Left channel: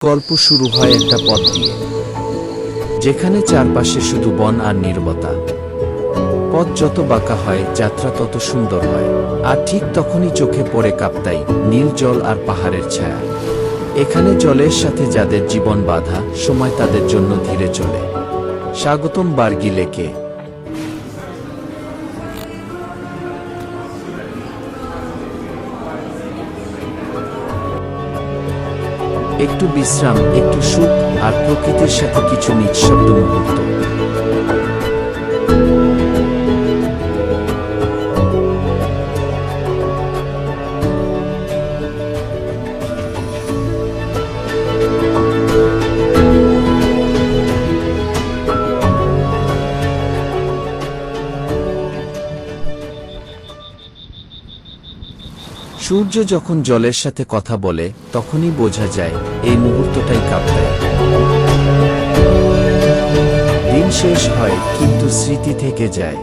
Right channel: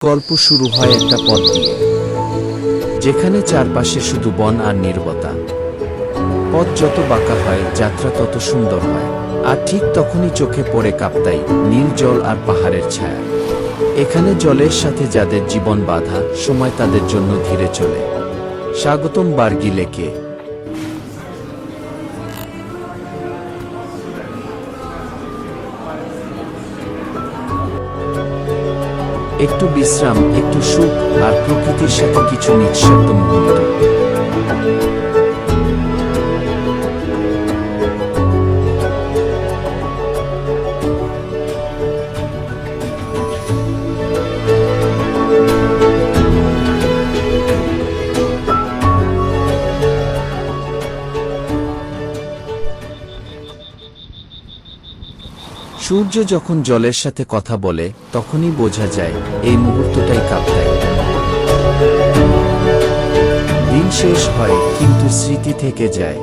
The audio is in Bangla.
গল্প শুরু হয় একটা পথ দিয়ে, যেখানে চারপাশে শুধু বন আর নীরবতা। পথ যত বাঁকা হয়, যাত্রা তত সুন্দর হয়। আর ঠিক তখনই চোখে পড়ে কাপ্তাই, নীল জল আর পাহাড়ের ছায়া। এখানে জলের সাথে যাদের জীবন বাঁধা, সময় তাদের জন্য ধীরে চলে। স্বাগতম বার্গি লেকে। একটু বিশ্রাম, একটু সুখ, আর প্রকৃতির সাথে কিছু নিঃশব্দ মুহূর্ত। সূর্য যখন জলের সাথে কথা বলে, তখনই বোঝা যায় এই মুহূর্তটাই কাপ্তাই। দিন শেষ হয়, কিন্তু স্মৃতি থেকে যায়।